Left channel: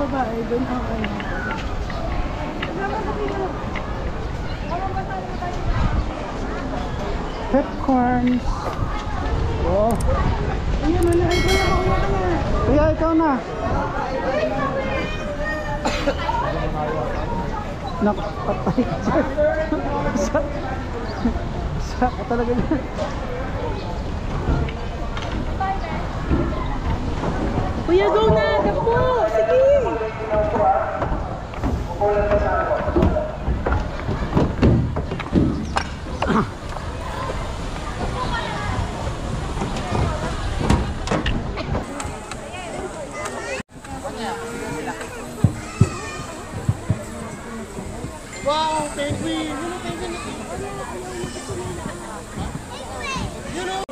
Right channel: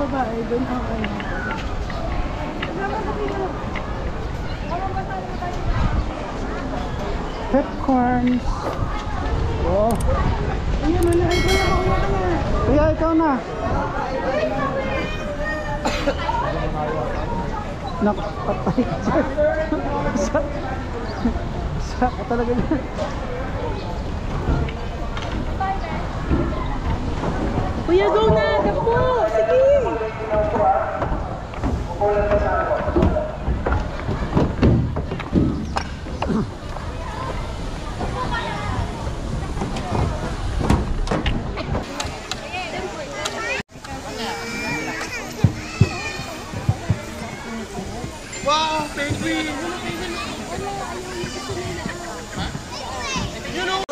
babae, doon ang ano. Pepcorns. Oh. Ayan, ano, kuya, ikaw na. Nakapatay dyan. Saka talaga niya. Kuya, go na! Tapo! Sige! Wow, penguin! You know...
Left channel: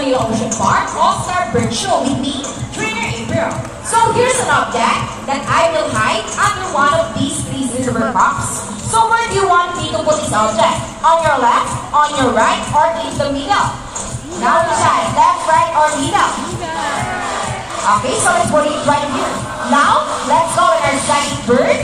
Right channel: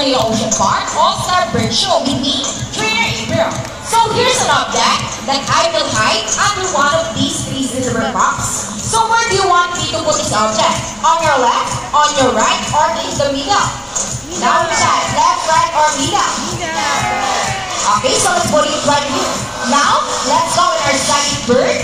The Ocean Park All-Star Bird Show with me, Trainer April. So here's an object that I will hide under one of these three silver cups. So where do you want me to put this object? On your left, on your right, or in the middle? Now decide, left, right, or middle? Okay, so let's put it right here. Now, let's go with our second bird,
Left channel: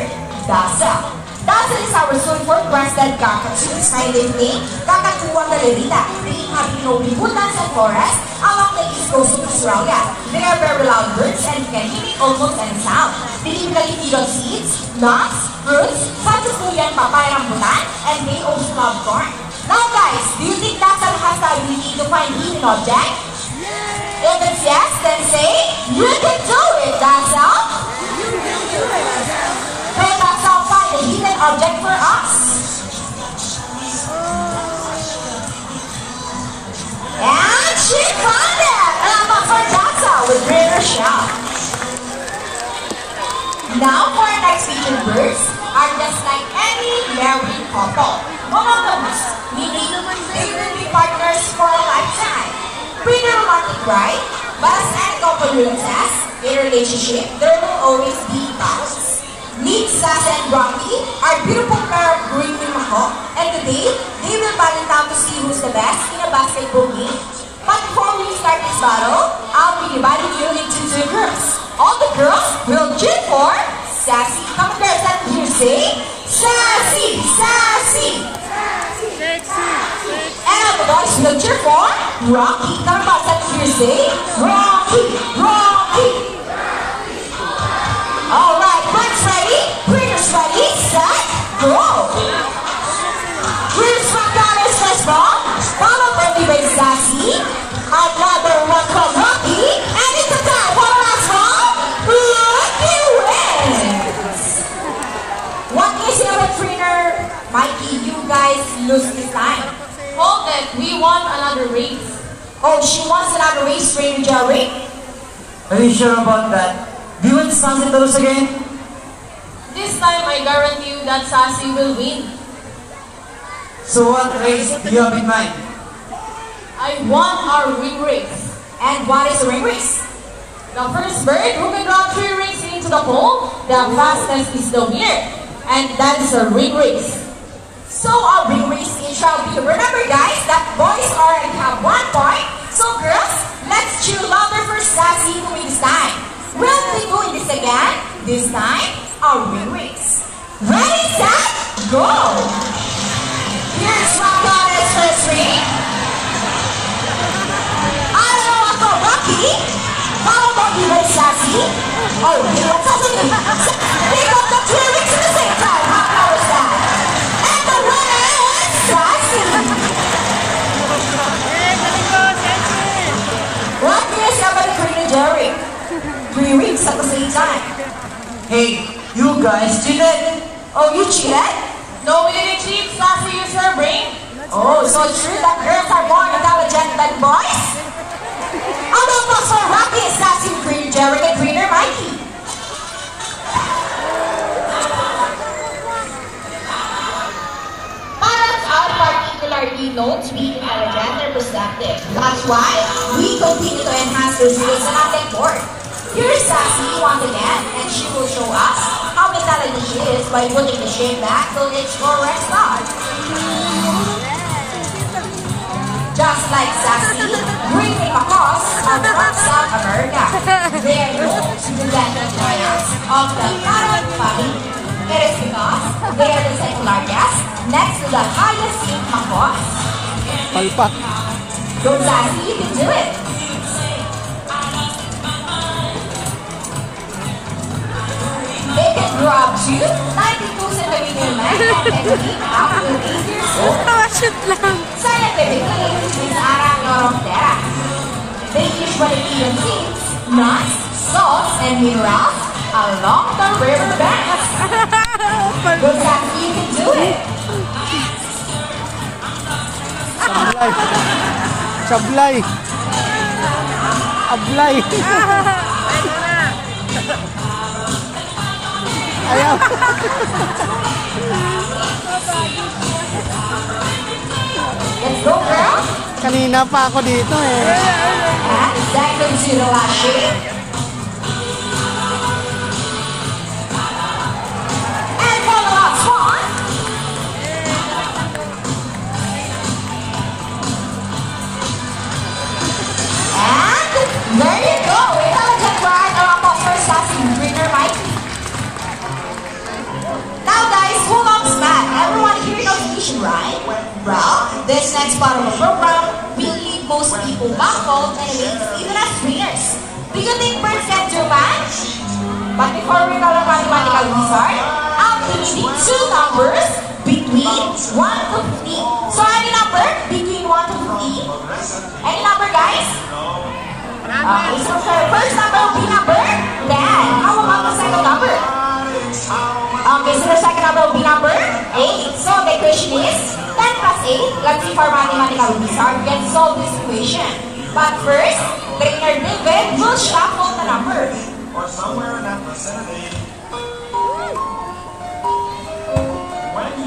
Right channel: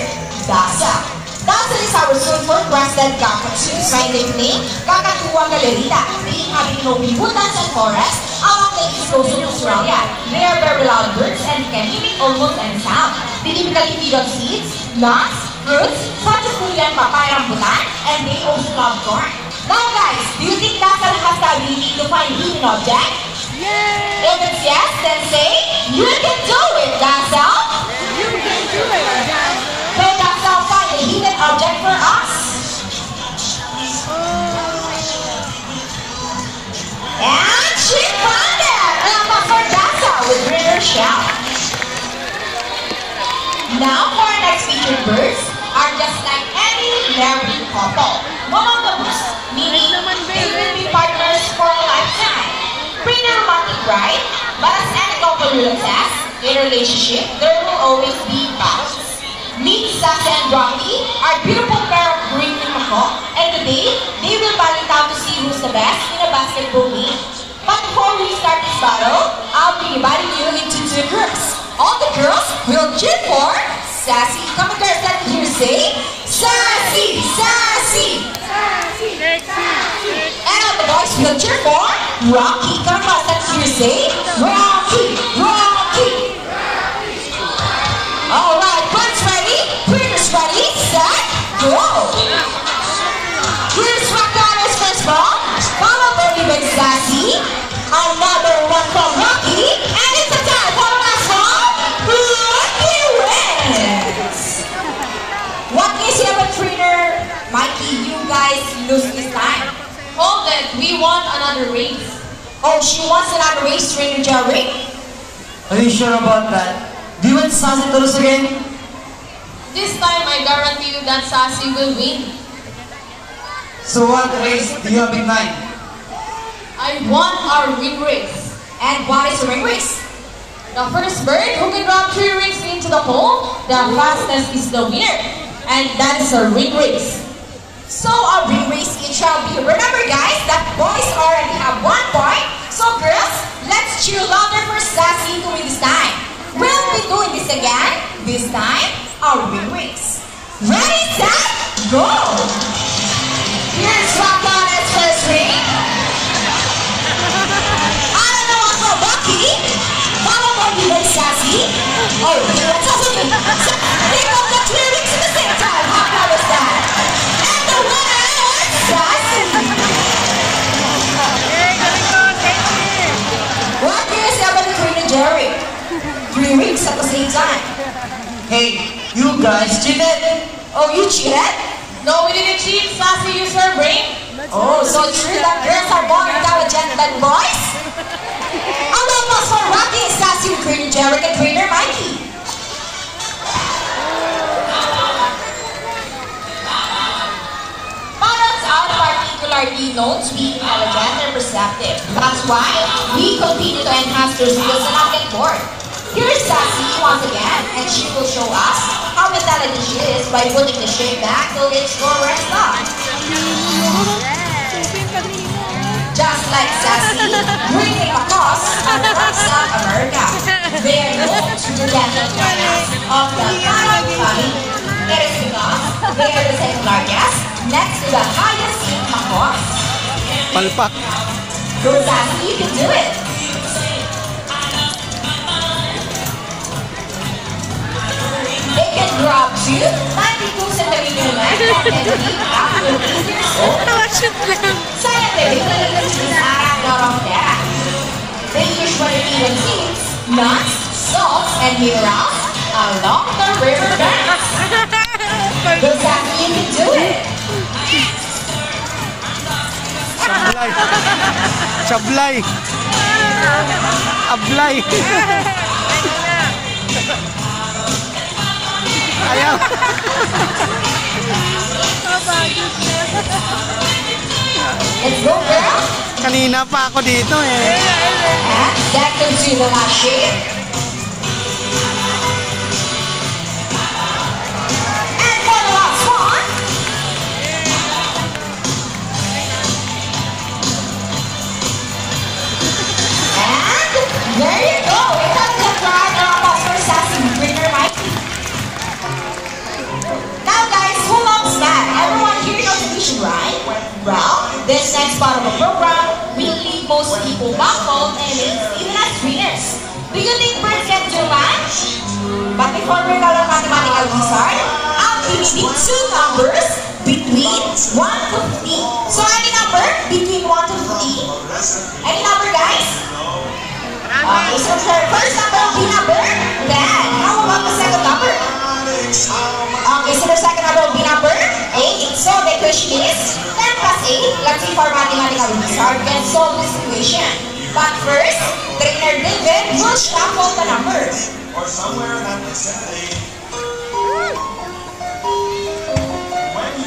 Dazzle. Dazzle is our sulfur breasted cockatoo. By nickname, Kakatuwa Galerita. Being having no Dazzle forest, our lake is close to Australia. They are very loud birds and can mimic almost any sound. They typically feed on seeds, nuts, fruits, such as durian, papaya, rambutan, and they also love corn. Now guys, do you think Dazzle has the ability to find hidden objects? If it's yes, then say, you can do it, Dazzle! You can do it, Dazzle! Can Dazzle find a hidden object for us? And she found it! Number for Dazzle with greater shout. Now for our next featured birds are just like any married couple. Monogamous, meaning they will be partners for a lifetime. Pretty romantic, right? As any couple will says, in a relationship, there will always be doubts. Meet Sassy and Rocky, our beautiful pair of green unicorn, and today, they will battle it out to see who's the best in a basketball game. But before we start this battle, I'll be dividing you into two groups. All the girls will cheer for Sassy. Come on, girls, let me hear you say, Sassy, Sassy, Sassy, Sassy. And all the boys will cheer for Rocky. Come on, let me hear you say, Rocky, Rocky. All right, birds ready, critters ready, set, go. Here's what God is first from. Follow early by Sassy. Another one from Rocky. And it's the time for the last one. Rocky wins. What is your trainer? Mikey, you guys lose this time. Oh, then we won another race. Oh, she wants another race, Trainer Jerry. Are you sure about that? Do you want Sassy to lose again? This time, I guarantee you that Sassy will win. So what race do you have in mind? I won our ring race. And what is a ring race? The first bird who can run 3 rings into the hole, the fastest is the winner. And that is a ring race. So a ring race it shall be. Remember guys, that boys already have 1 point. So girls, let's cheer louder for Sassy to win this time. We'll be doing this again. This time, a ring race. Ready, set, go! Here's Rock Donald's first ring. I don't know what for Bucky. How about you, by Sassy? Oh, what's up with me? They got the 3 rings at the same time. How was that? And the winner is Sassy. What do you say about the Trainer Jerry? 3 rings at the same time. Hey, you guys cheated? Oh, you cheated? No, we didn't cheat. Sassy used her brain. Oh, so it's true that girls are born without a gentleman boys? How about us for Rocky, Sassy, Trainer Jerry, and Trainer Mikey? Parents are particularly known to be intelligent and perceptive. That's why we continue to enhance their skills and short. Here's Sassy once again, and she will show us how intelligent she is by putting the shape back till it's forward stop. Just like Sassy, bringing across South America. They are known to the desert giants of the Arab family. It is because they are the second largest, next to the highest income boss. Palpak. Go Sassy, you can do it! They can grow up to 92 centimeter length and live up to 8 years old. Sanitary is not normal gas. They usually eat seeds, nuts, salts, and minerals along the river banks. Go Sassy, you can do it! Sablay. Sablay. Ablay. Ayaw. Let's go, girl! Kanina pa ako dito eh. That gives you the last shape. And for the last one. And there you go. We have the brand of our Sassy Winner Mikey. Now guys, who knows that? Everyone here knows the mission, right? Well, this next part of the program will leave most people baffled and even as winners. Do you think birds can do math? But before we go to mathematical wizard, I'm giving two numbers between 1 to 50. So any number between 1 to 50? Any number, guys? Okay, so the first number will be number 10. How about the second number? Okay, so the second number will be number 8. So the question is 10 plus 8. Let's see if our mathematical wizard can solve this equation. But first, trainer David will shuffle the numbers.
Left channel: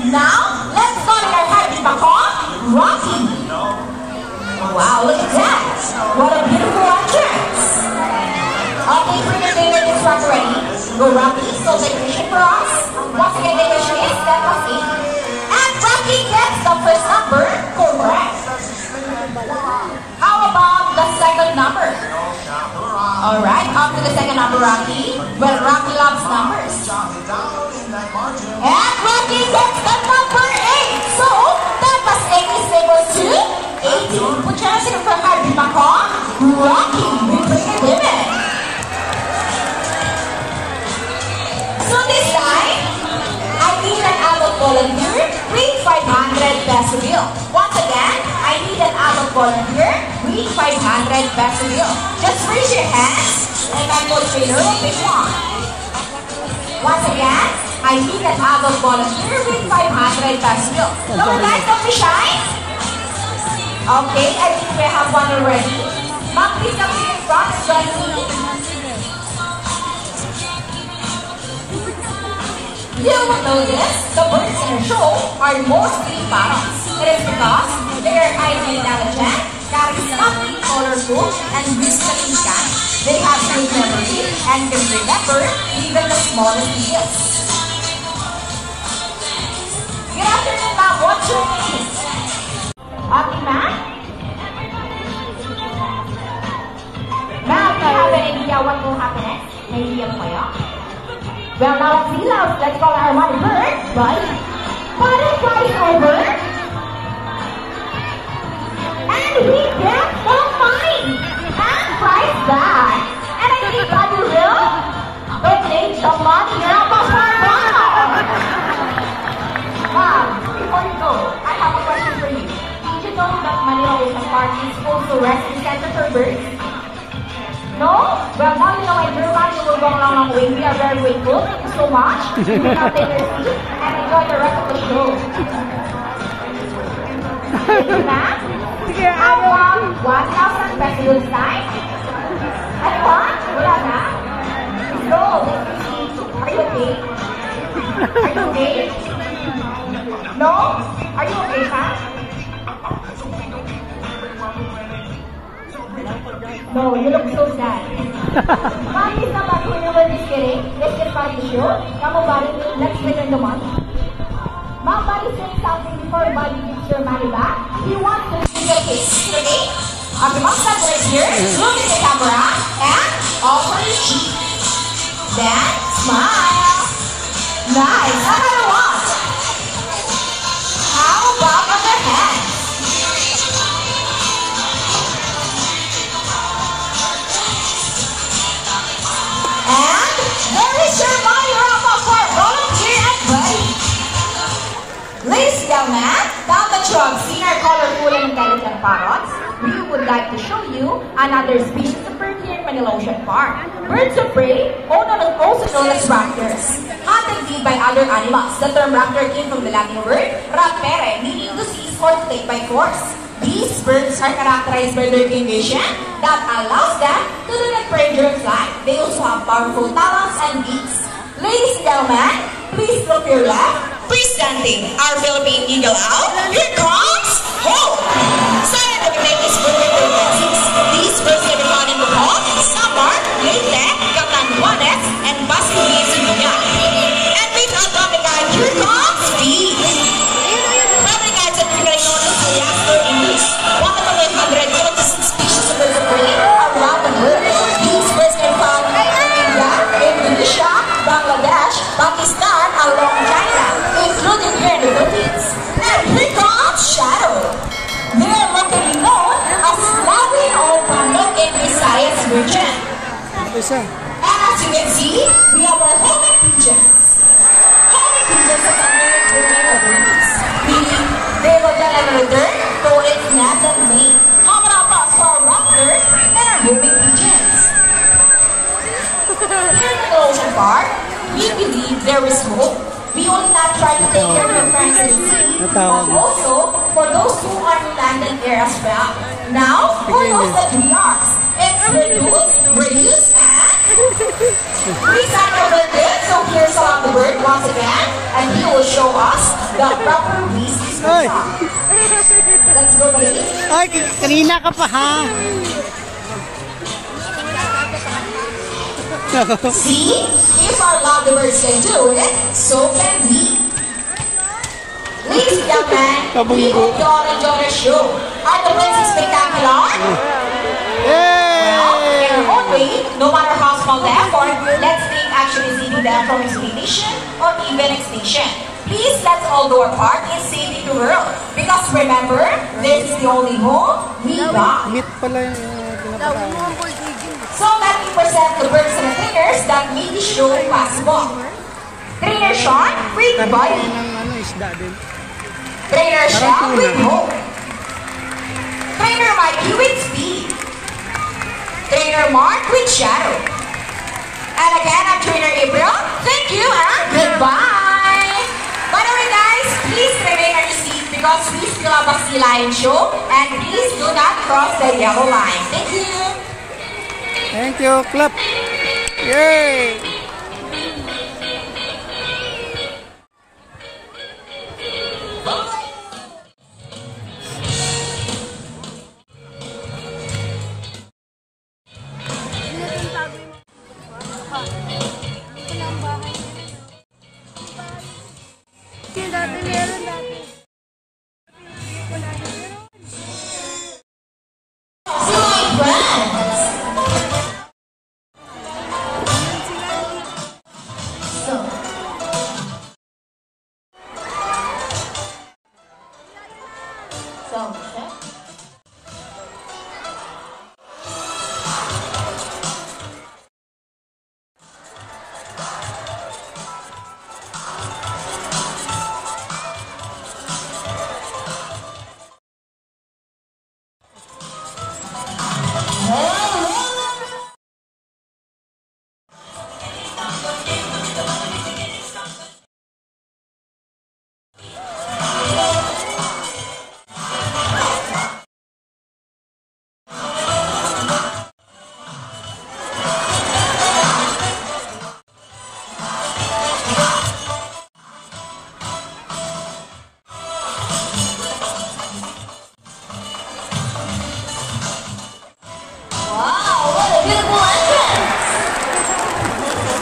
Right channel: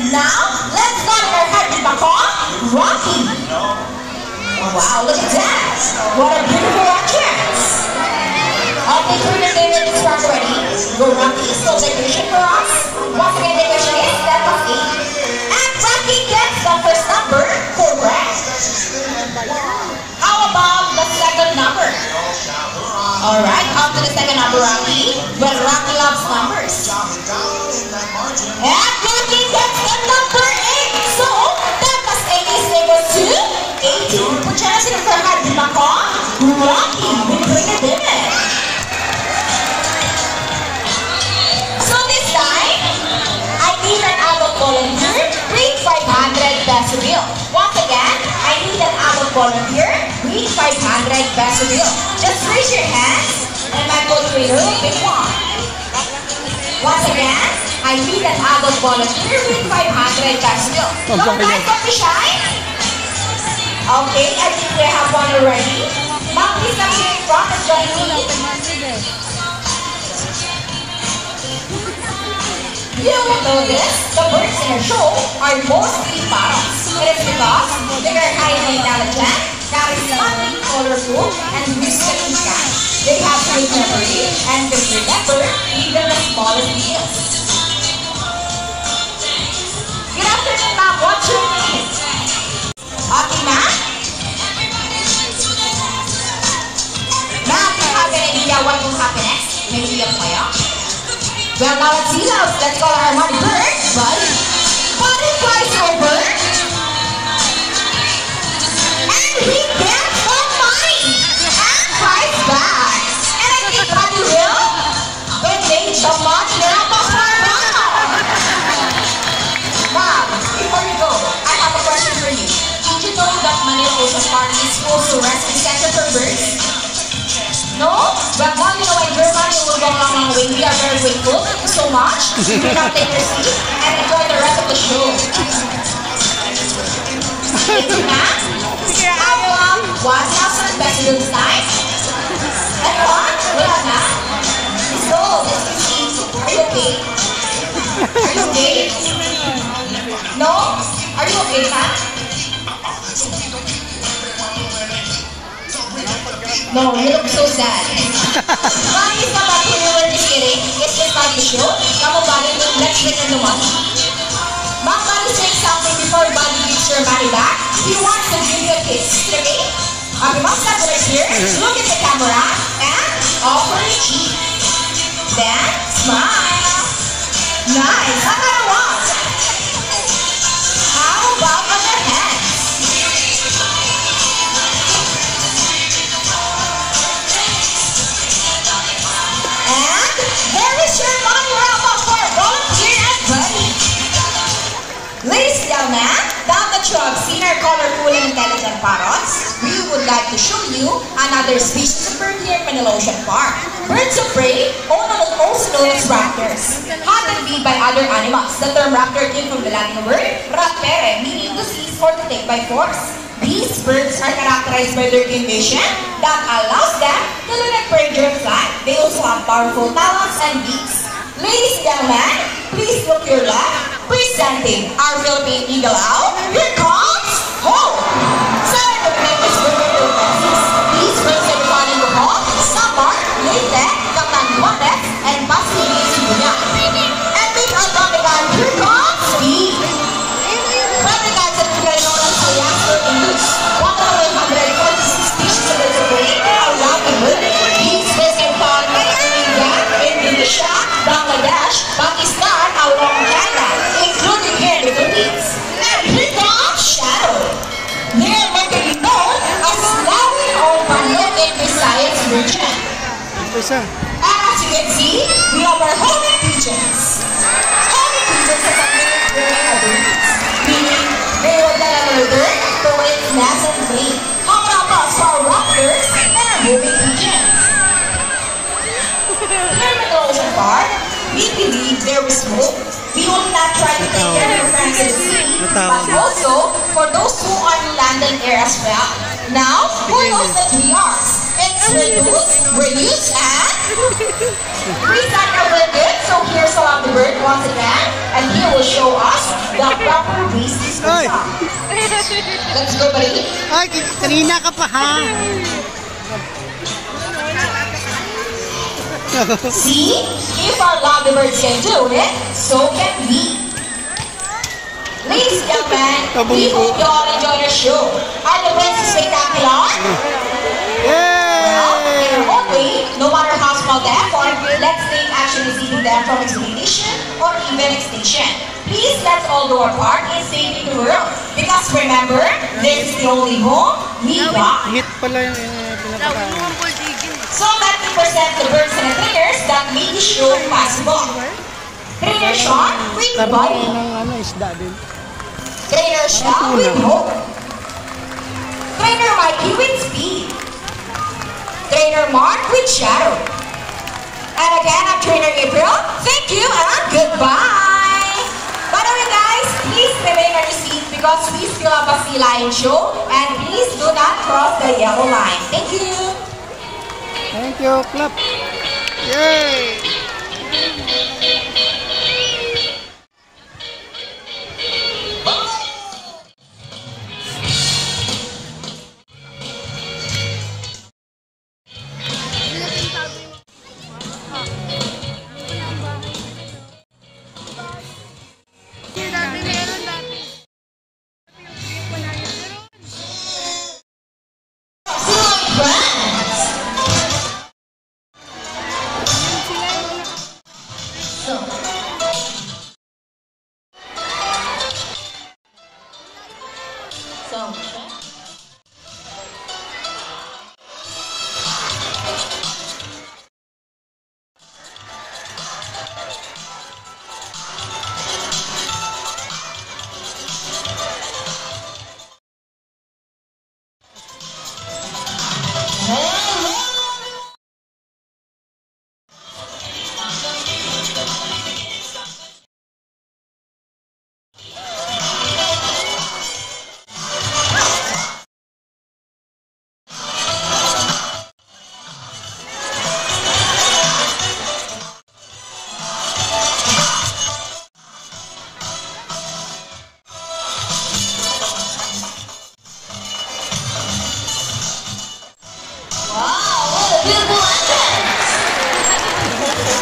Now, let's go to our head with the call, Rocky. Wow, look at that. What a beautiful entrance. Okay, trainer David is ready. Will Rocky still the equation for us? Once again, the equation is 10 plus 8. And Rocky gets the first number correct. How about the second number? Alright, up to the second number, Rocky. Well, Rocky loves numbers. And Rocky gets the number 8. So, that plus 8 is equal to 18. Put your hands in front of the back. Rocky, we bring it in. So this time, I need an adult volunteer with 500 peso bill. Once again, I need an adult volunteer with 500 peso bill. Just raise your hands and my co-trainer will pick one. Once again, I need an adult volunteer with 500 peso bill. No, guys, don't be shy. Okay, I think we have one already. Ma'am, please come here in front and join me. You will notice the birds in our show are mostly parrots. It is because they are highly intelligent, charismatic, colorful, and visually kind. They have good memory and can remember even the smallest details. Good afternoon, ma'am. What's your name? Okay, ma'am. Ma'am, do you have any idea what will happen next? Maybe a playoff? Well, now let's see now. Let's call our one bird, but butterflies are bird. And we get so funny. And flies back. And I think Buddy will. Okay, so much. Now go for our Wow, before you go, I have a question for you. Did you know that Manila Ocean Park is supposed to rescue sector for birds? No? Well, now you know in Germany will go along our way. We are very grateful. Thank you so much. You can now take your seat and enjoy the rest of the show. Thank you, ma'am. How about 1,000 pesos tonight? Anyone? Wala na? So, are you okay? Are you okay? No? Are you okay, ma'am? No, you look so sad. Mommy is not happy when we're just kidding. It's just not issue. Kamu balik, let's get into money. Mom, Buddy saying something before Buddy gives your money back. He wants to give you a kiss today. Okay, what's that right here? Look at the camera and offer his cheek. Then smile. Nice. How about a walk? How about other hands? And there is your money round up for Volunteer and Buddy. Ladies and gentlemen, now that you have seen our colorful and intelligent parrots, we would like to show you another species of bird here in Manila Ocean Park. Birds of prey, also known as raptors, hunted be by other animals. The term raptor came from the Latin word rapere, meaning to seize or to take by force. These birds are characterized by their condition that allows them to do their prey during flight. They also have powerful talons and beaks. Ladies and gentlemen, please look to your left. Presenting our Philippine Eagle Owl, here comes Hope! Sorry to make this movie to these birds are responding to Hope, Samar, Leyte, Captain Juarez, and Basti Sibuya. And with our topic on here comes Steve. Topic on sa Pilipino sa Yaster English. 146 species of birds of prey around the world. These birds can be found in India, Indonesia, Bangladesh, Pakistan, along China, including here in the Philippines. And here comes Shadow. They are locally known as Lawi or Panok in the Visayas region. Isa. And as you can see, we have our homing pigeons. Homing pigeons are something meaning they will get a return to its nest and breed. Common across for raptors and homing pigeons. Here in the Ocean Park, we believe there is hope. We will not try to take care of friends in the city, but also for those who are in land and air as well. Now, who knows that we are? It's reduce, and we start over good. So here's Salam the bird once again, and he will show us the proper ways to speak. Ay! Let's go, buddy. Ay, kanina ka pa ha. See, if our lovebirds can do it, so can we. Ladies and gentlemen, we hope you all enjoy the show. Are the birds spectacular? Yay! And hopefully, no matter how small the effort, let's take action in saving them from extinction or even extinction. Please let's all do our part in saving the world. Because remember, this is the only home we got. Meat pala yung pinapakain. So let me present the birds and the trainers that made the show possible. Trainer Sean with Buddy. Ng isda din. Trainer Sean with Hope. Trainer Mikey with Speed. Trainer Mark with Shadow. And again, I'm Trainer April. Thank you and goodbye. By the way, guys, please remain on your seat because we still have a sea lion show. And please do not cross the yellow line. Thank you. Thank you, clap. Yay!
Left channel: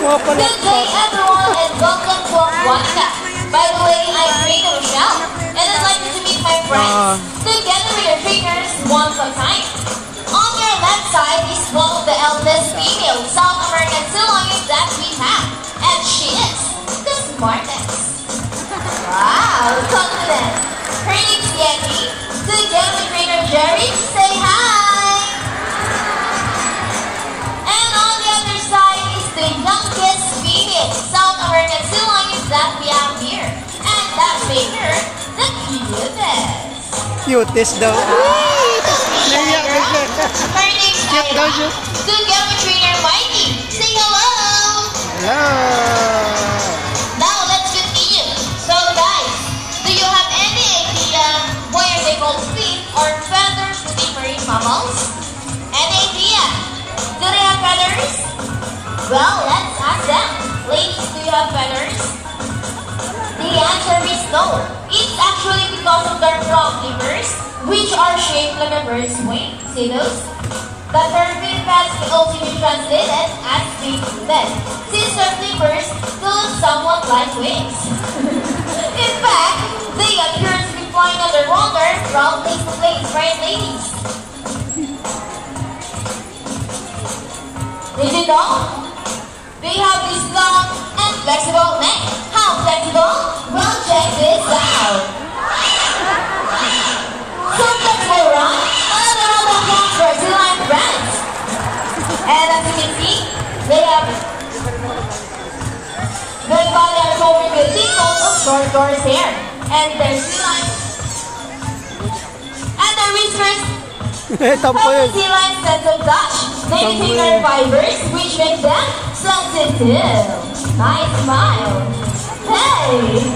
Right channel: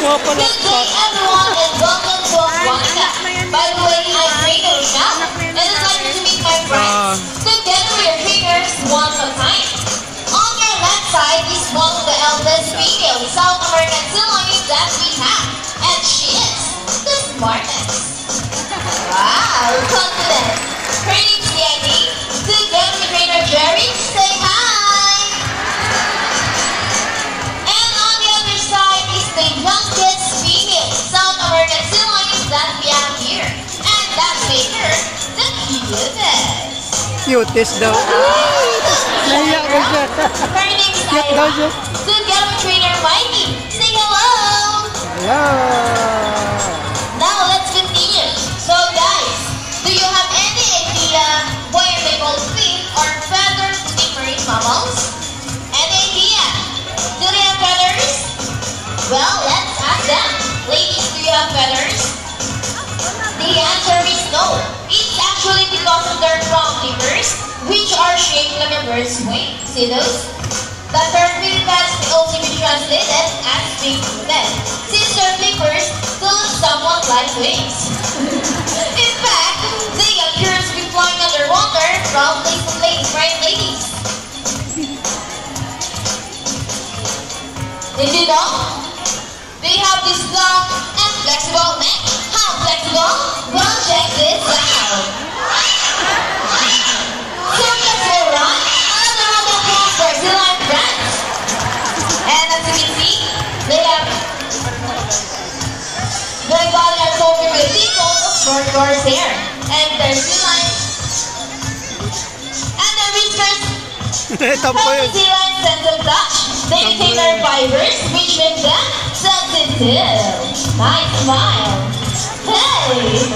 Good day, everyone, and welcome to Guanata. By the way, I'm Rita Rochelle, and I'd like you to meet my friends. Together with your fingers, one at a time. On your left side is one of the eldest female South American Siloids that we have, and she is the smartest. Wow, confident. Her name's Yanni. Together with trainer Jerry, say hi. And on the other side is the youngest female South American Siloid that we have here. And that's make her the cutest. Cutest daw. Naiyak ba siya? Her name's Cute daw siya. Together with trainer Mikey, say hello. Hello. Now let's continue. So guys, do you have any idea why are they called feet or feathers to different mammals? Any idea? Do they have feathers? Well, let's ask them. Ladies, do you have feathers? The answer is no. It's actually because of their front flippers, which are shaped like a bird's wing. See those? The term flippers may also be translated as wing flippers, since their flippers look somewhat like wings. In fact, they appear to be flying underwater from place to place, right, ladies? Did you know? They have this long and flexible neck. How flexible? Well, check this out. Some flexible run, another one that comes for Zealand brands. And as you can see, they have their body are covered with deep folds of short coarse hair. And their Zealand and their whiskers Tampo yun. Zealand sensitive touch. They take their fibers, which make them sensitive. Nice smile. Hey!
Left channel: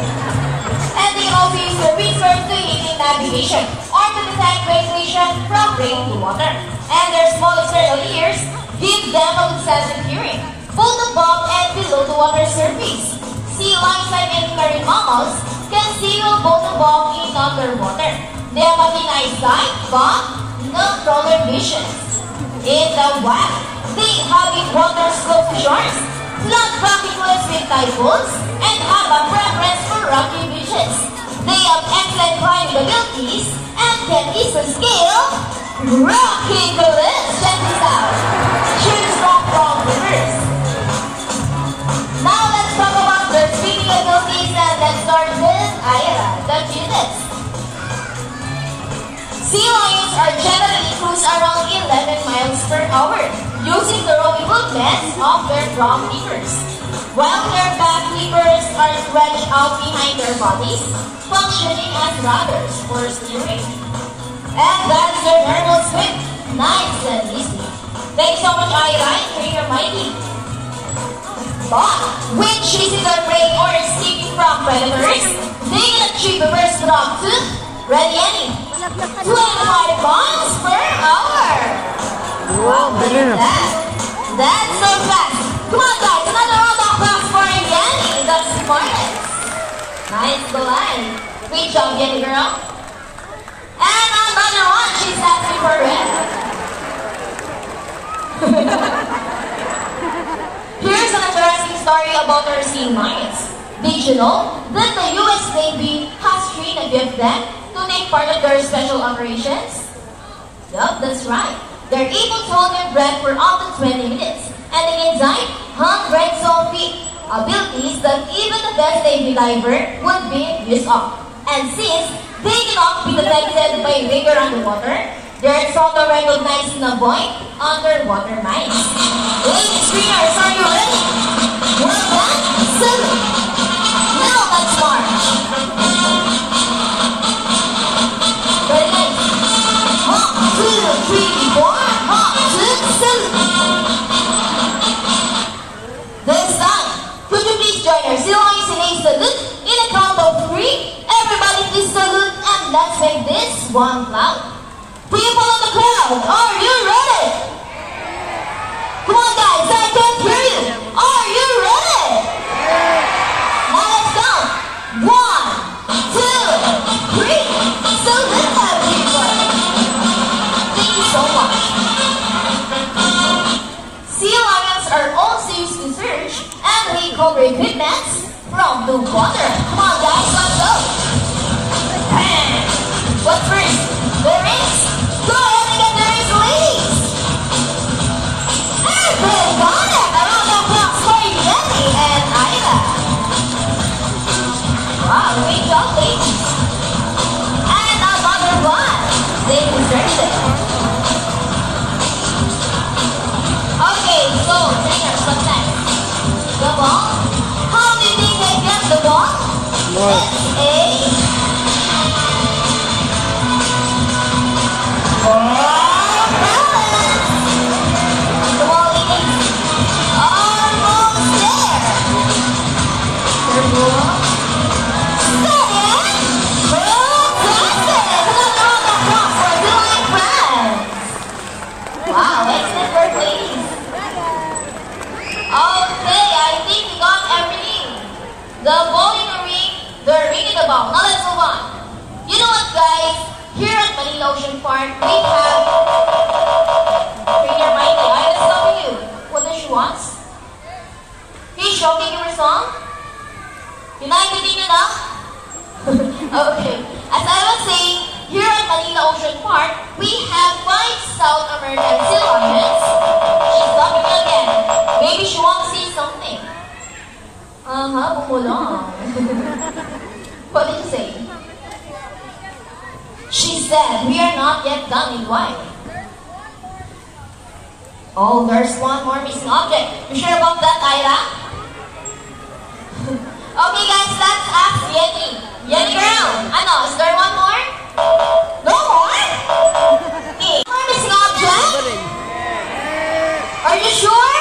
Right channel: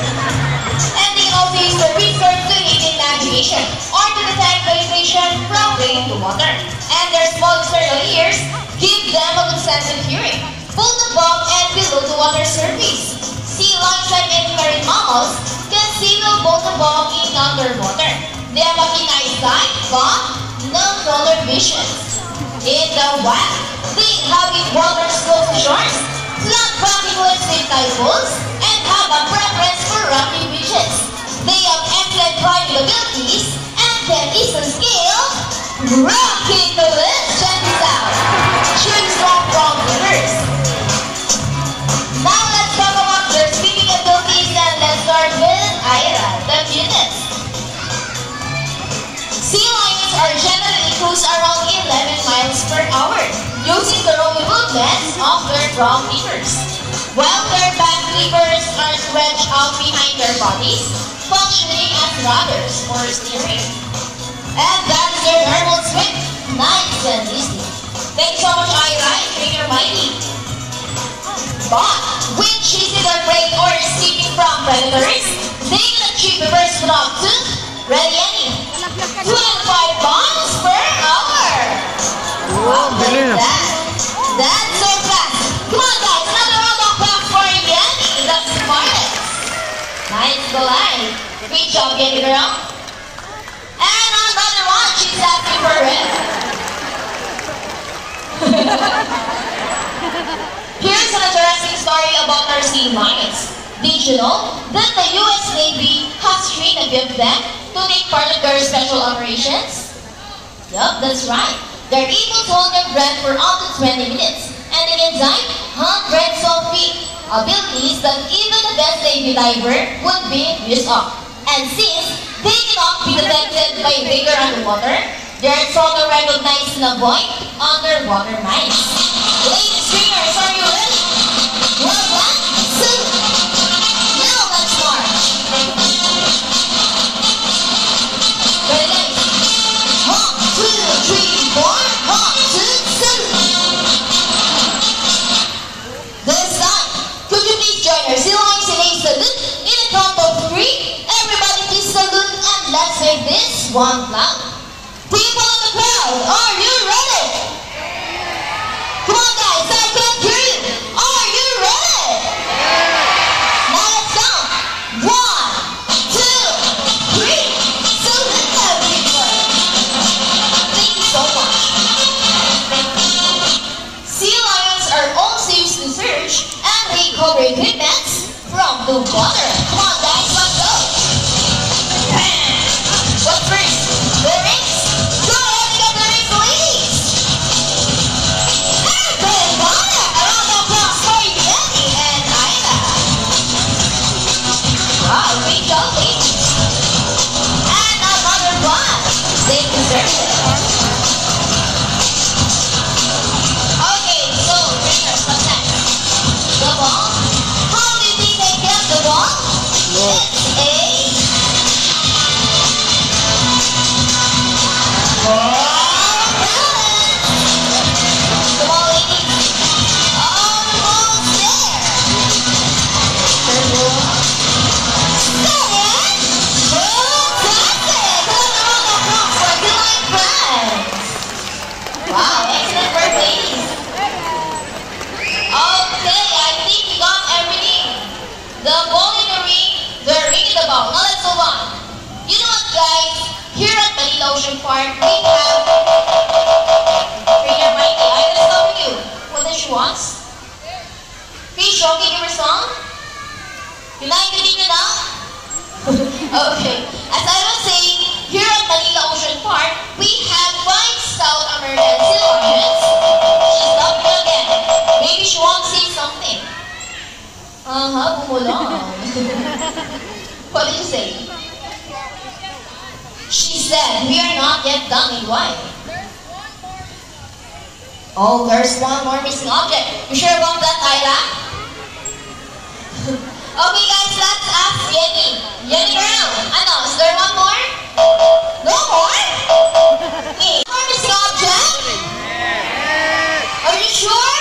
And they also use their whiskers to aid in navigation or to detect vegetation from rain to water. And their small external ears give them a good sense of hearing, both above and below the water surface. Sea lions, like many marine mammals, can sail both above and underwater. They have a keen eyesight, but no color vision. In the wild, they inhabit waters close to shores, not rocky cliffs with typhoons, and have a preference for rocky beaches. They have excellent climbing abilities and can easily scale rocky cliffs. Check this out. Should stop from rivers. Now let's talk about their swimming abilities, and let's start with Ira, the cutest. Sea lions are generally cruise around 11 miles per hour, using the rowing movements of their front flippers, while their back flippers are stretched out behind their bodies, functioning as rudders for steering. And that's their normal swim. Nice and easy. Thanks so much, Ira, and Trigger Mikey. But when chasing their prey or escaping from predators, they can achieve a burst of 2. Ready, Annie? 25 miles per hour. Oh, bilis na. That's so fast. Come on, guys. Another round of applause for Annie. The smartest. Nice glide. Great job, Annie girl. And another one. She's asking for it. Here's an interesting story about our sea lions. Did you know that the U.S. Navy has trained a few of them to take part of their special operations? Yup, that's right. They're able to hold their breath for up to 20 minutes and they exhibit hundreds of feet, abilities that even the best Navy diver would be used of. And since they cannot be detected by vigor underwater, they are stronger recognized in avoid underwater mines. Ladies, streamers, are you ready? Well done, salute. Now let's march. Very nice. 1, 2, 3, 4. 1, 2, salute. This time, could you please join our Sea Lions in a salute? In a count of 3, everybody please salute and let's make this one loud. People in the crowd, are you ready? Come on guys, I can't hear you. Are you ready? Now let's go. 1, 2, 3. Salute everyone. Thank you so much. Sea lions are also used to search from Blue Water. Come on guys, let's go! What's first? The race! Go ahead and get the race, ladies! And good contact around the clock for Yenny and Ida. Wow, great job, ladies! And another one. They deserve it. Okay, so trainers, what's next? The ball? How do you think they get the ball? More. Park, we have Trainer Mikey. I have stuff for you. What does she want? Fish, okay, you respond? You like it enough? Okay. As I was saying, here at Manila Ocean Park, we have 5 South American sea lions. She's laughing again. Maybe she wants to say something. Bumulong. What did you say? She said, we are not yet done with why? Oh, there's one more missing object. You sure about that, Tyra? Okay guys, let's ask Yenny. Yenny girl, ano, is there one more? No more? Hey, more missing object? Are you sure?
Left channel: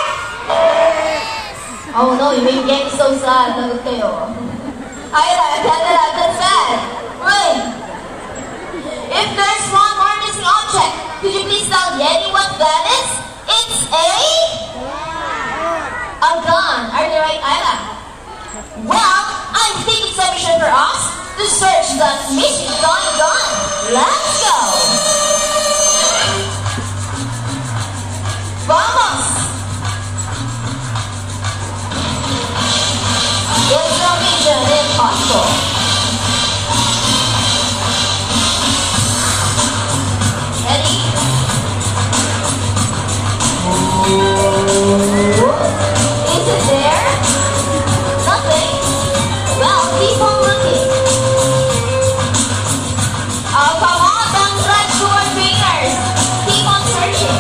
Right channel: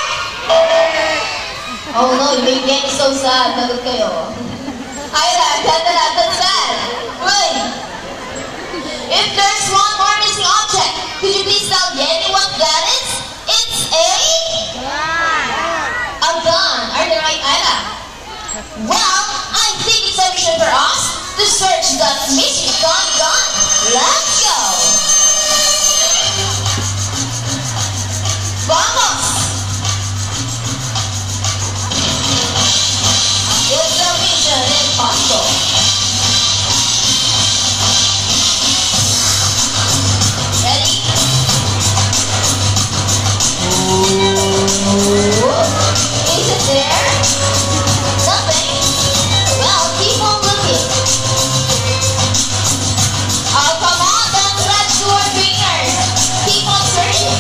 Oh no, you made Yenny so sad. Bagot kayo. Tyra, that's sad. Wait. If there's one more missing object, could you please tell Yenny what that is? It's a gun. Are you right, Ida? Well, I think it's a mission for us to search that missing gun. Let's go. Vamos. It's no mission impossible. Is it there? Nothing. Well, keep on looking. Oh, come on, don't stretch to our fingers. Keep on searching.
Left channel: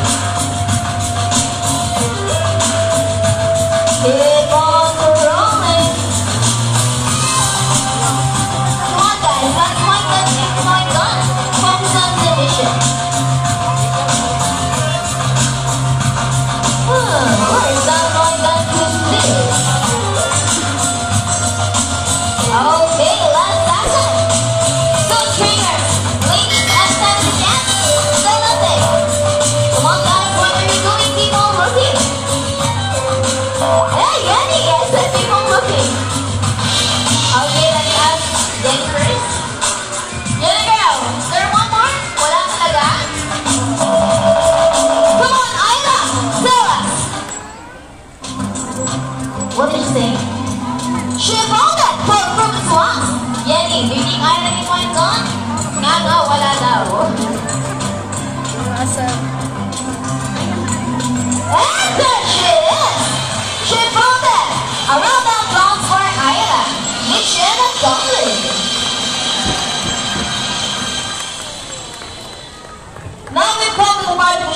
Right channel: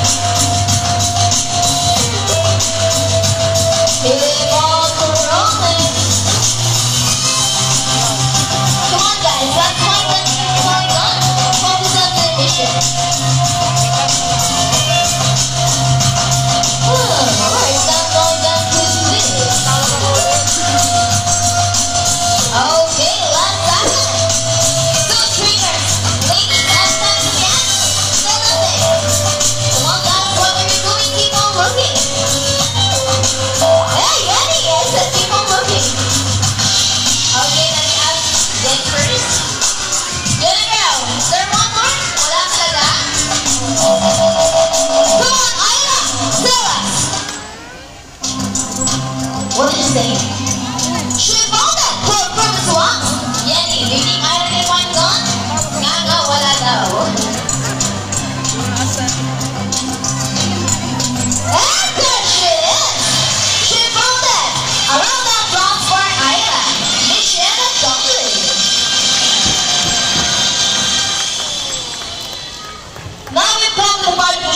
Keep on rolling. Come on, guys, that's my gun. It's my gun. Focus on the mission.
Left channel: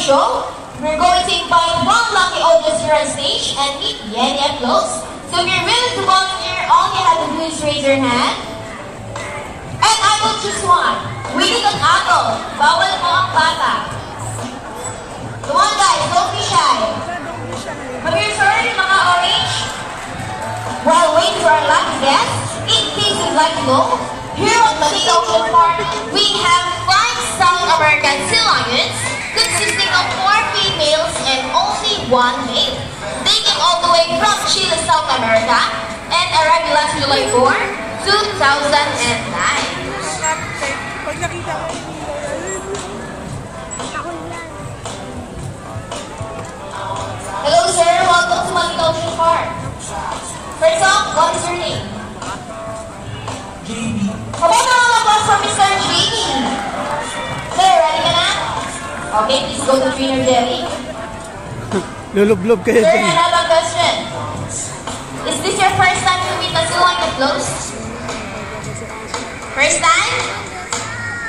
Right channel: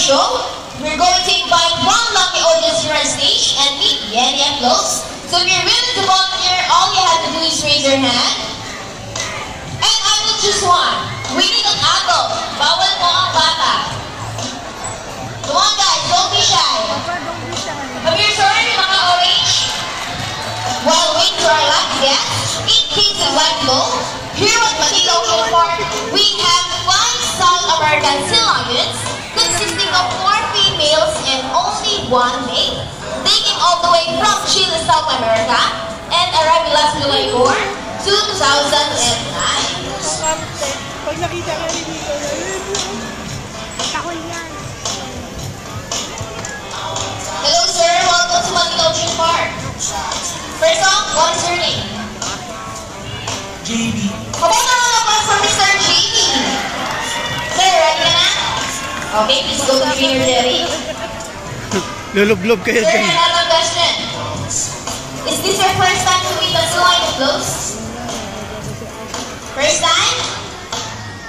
Show, we're going to invite one lucky audience to our stage and meet Yenny and close. So if you're willing to volunteer, all you have to do is raise your hand. And I will choose one. We need an apple. Bawal mo ang bata. Come on guys, don't be shy. Have you sorry, mga orange? While waiting for our lucky guest, in case you'd like to know, here at Manila Ocean Park, we have 5 South American sea lions consisting of 4 females and only 1 male. They came all the way from Chile, South America, and arrived last July 4, 2009. Hello sir, welcome to Manila Ocean Park. First off, what is your name? So, trainer Derry. Lulublob kayo Sir, dyan. another question. Is this your first time to meet us live and close? First time?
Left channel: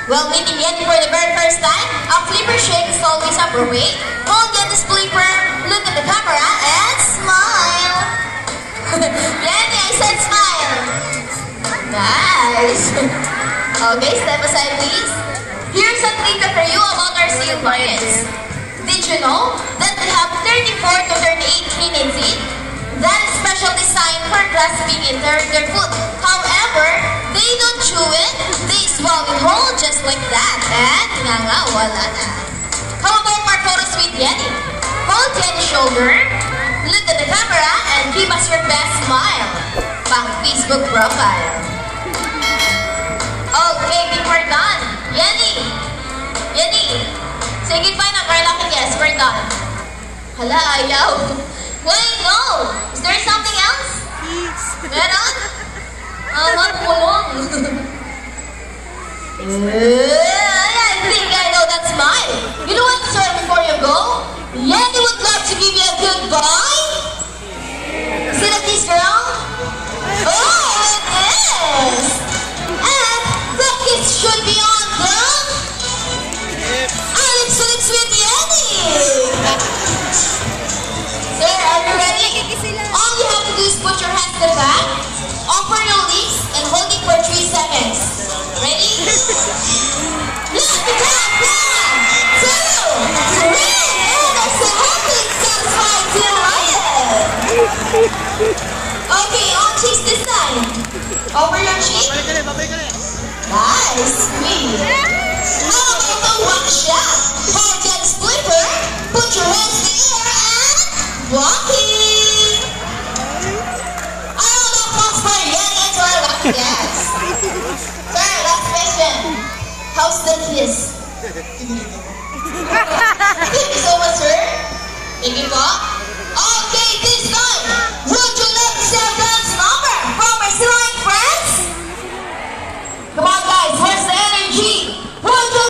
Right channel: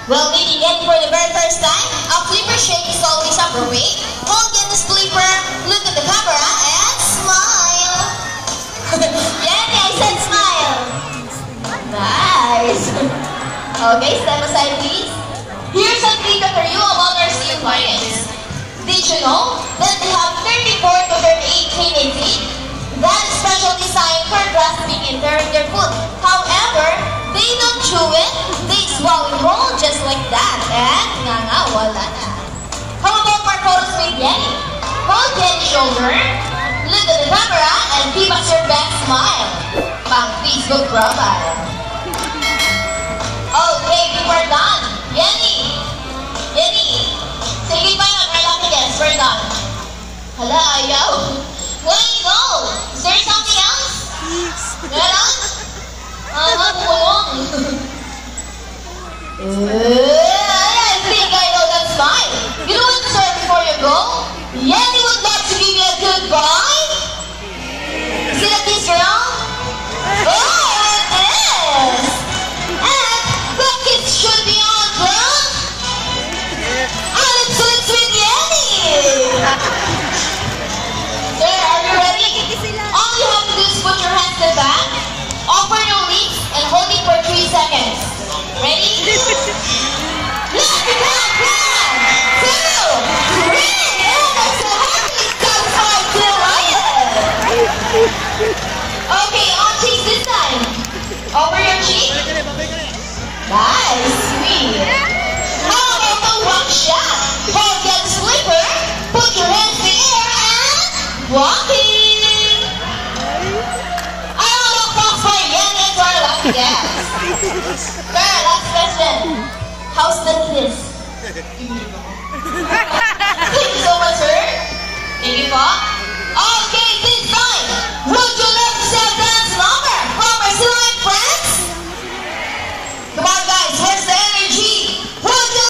Well, meeting Yenny for the very first time, a flipper shake is always appropriate. Hold on this flipper, look at the camera, and smile. Yenny, I said smile. Nice. Okay, step aside please. Here's a data for you about our steel clients. Did you know that we have 34 to 38 cleaning feet? That's special design for grasping and tearing their food. However, they don't chew it, they swallow and roll just like that. And wala na. How about our photos with Yenny? Hold Yenny's shoulder, look at the camera, and give us your best smile. Pang Facebook profile. Okay, we're done. Yenny! Say goodbye na para lang guys. We're done. Hala, ayaw. Wait, go! Is there something else? Meron? Magpulong. I think I know that smile. You know what to say before you go? Yenny would like to give you a goodbye. Is it a kiss, girl? Oh, it is! And the kiss should be on, girl. And it's with Yenny. Sir, are you ready? All you have to do is put your hands to the back, offer your lips, and hold it for 3 seconds. Ready? Let's go! 1, 2, 3, and that's a happy satisfied Okay, on cheeks this time. Over your cheek. Nice, sweet. How about the rock shot? Hold that flipper, put your hands in the air, and walking. I don't know cross by yet, that's what I guess. Sir, last question. How's the kiss? Thank you so much, sir. Thank you, Bob. Okay, this time, would you like to say a friend's number from our select friends? Come on, guys, where's the energy? Would you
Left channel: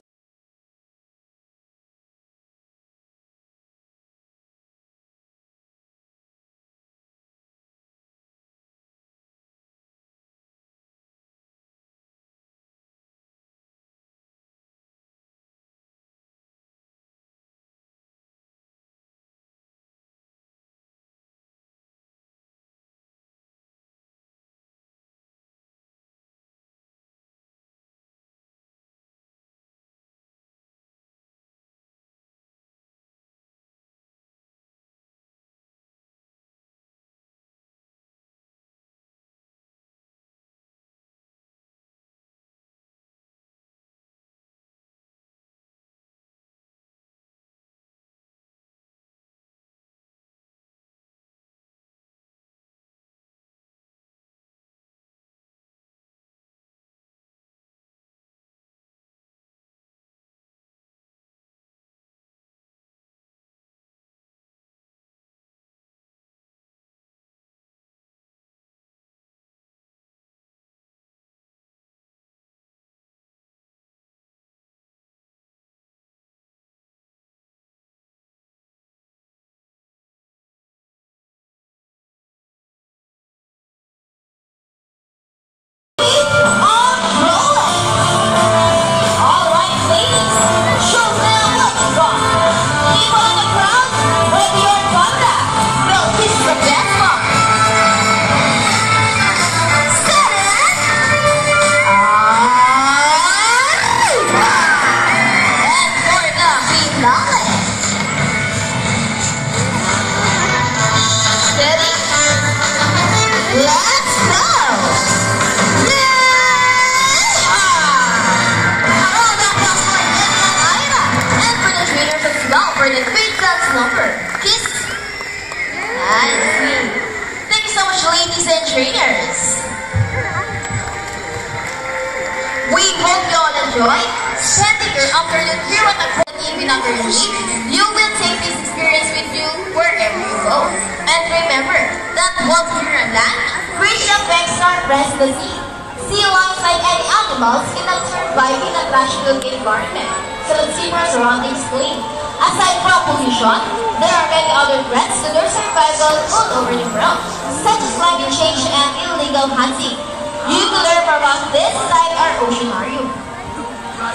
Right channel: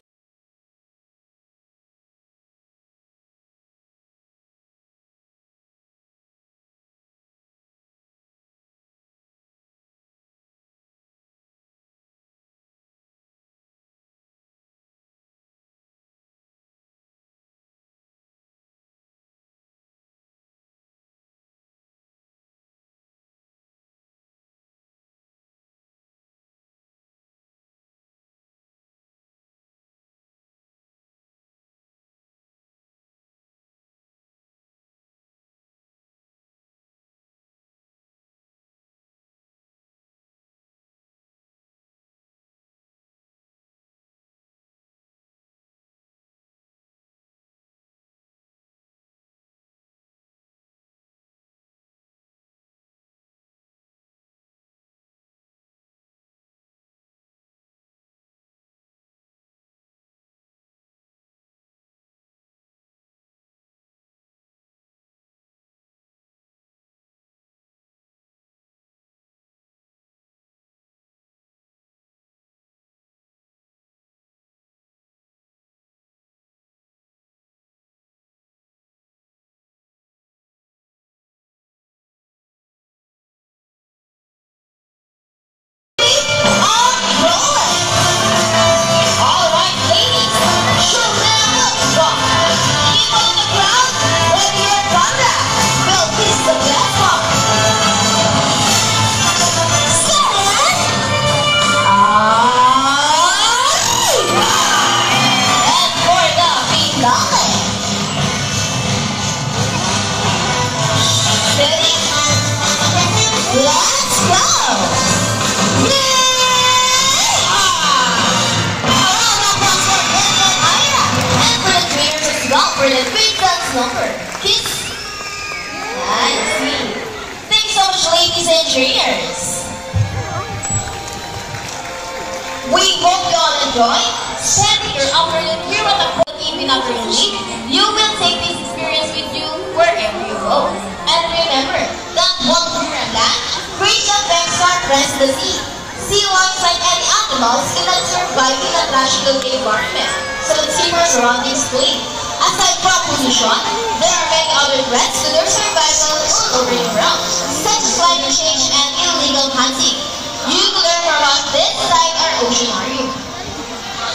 enjoy, spending your afternoon here at the evening of your week, you will take this experience with you wherever you go. And remember that once you're on land, reach up next to our friends the sea. Sea lions like any animals cannot survive in a rational environment, so let's keep our surroundings clean. Aside from pollution, there are many other threats to their survival all over the world, such as climate change and illegal hunting. You can learn more about this inside our oceanarium.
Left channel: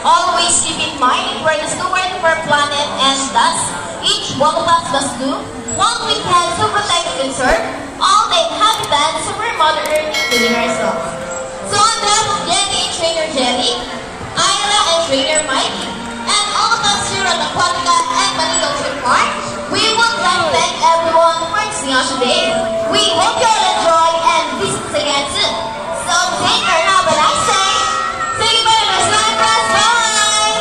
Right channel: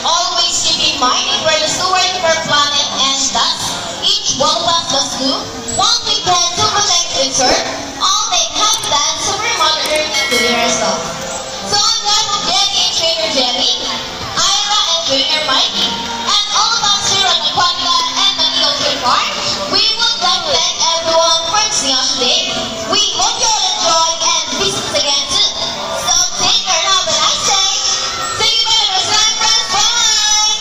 Always keep in mind if we're the steward of our planet and thus each one of us must do what we can to protect its earth, all make habitats of our Mother Earth including ourselves. So on behalf of Jenny and Trainer Jenny, Ira and Trainer Mikey, and all of us here on Aquatica and Manila Trade Park, we would like to thank everyone for seeing us today. We hope you all enjoy and visit us again soon. So take care and have a nice day. Thank you very much, my friends. Bye!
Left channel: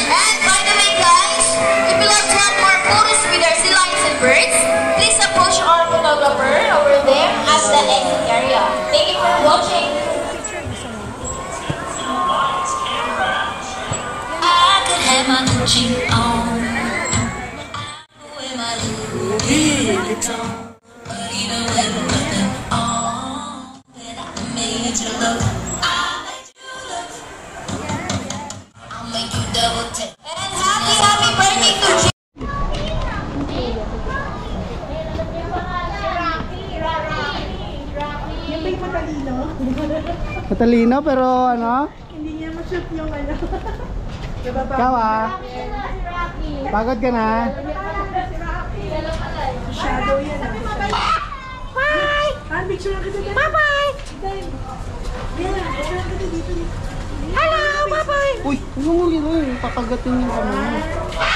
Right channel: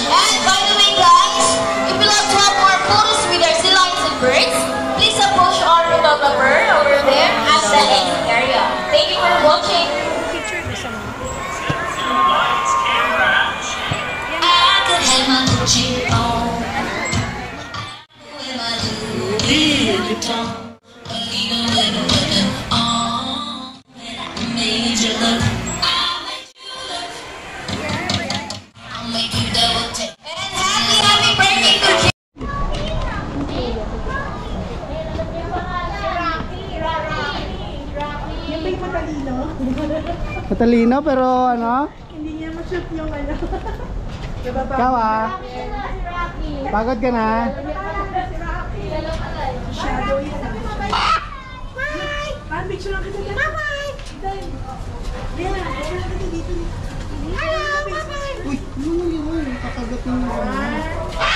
And by the way, guys, if you'd like to have more photos with our sea lions and birds, please approach our photographer over there at the exit area. Thank you for watching. And happy birthday to Jim. Yan ba yung matalino? Matalino pero ano? Hindi niya ma-shoot yung ano. Diba ba? Ikaw ah. Pagod ka na? Shadow yan. Bye! Ah, picture lang kita dito. Bye-bye! Yan, picture lang kita dito. Hello! Bye-bye! Uy, ano mo yun? Papagatin yung ano.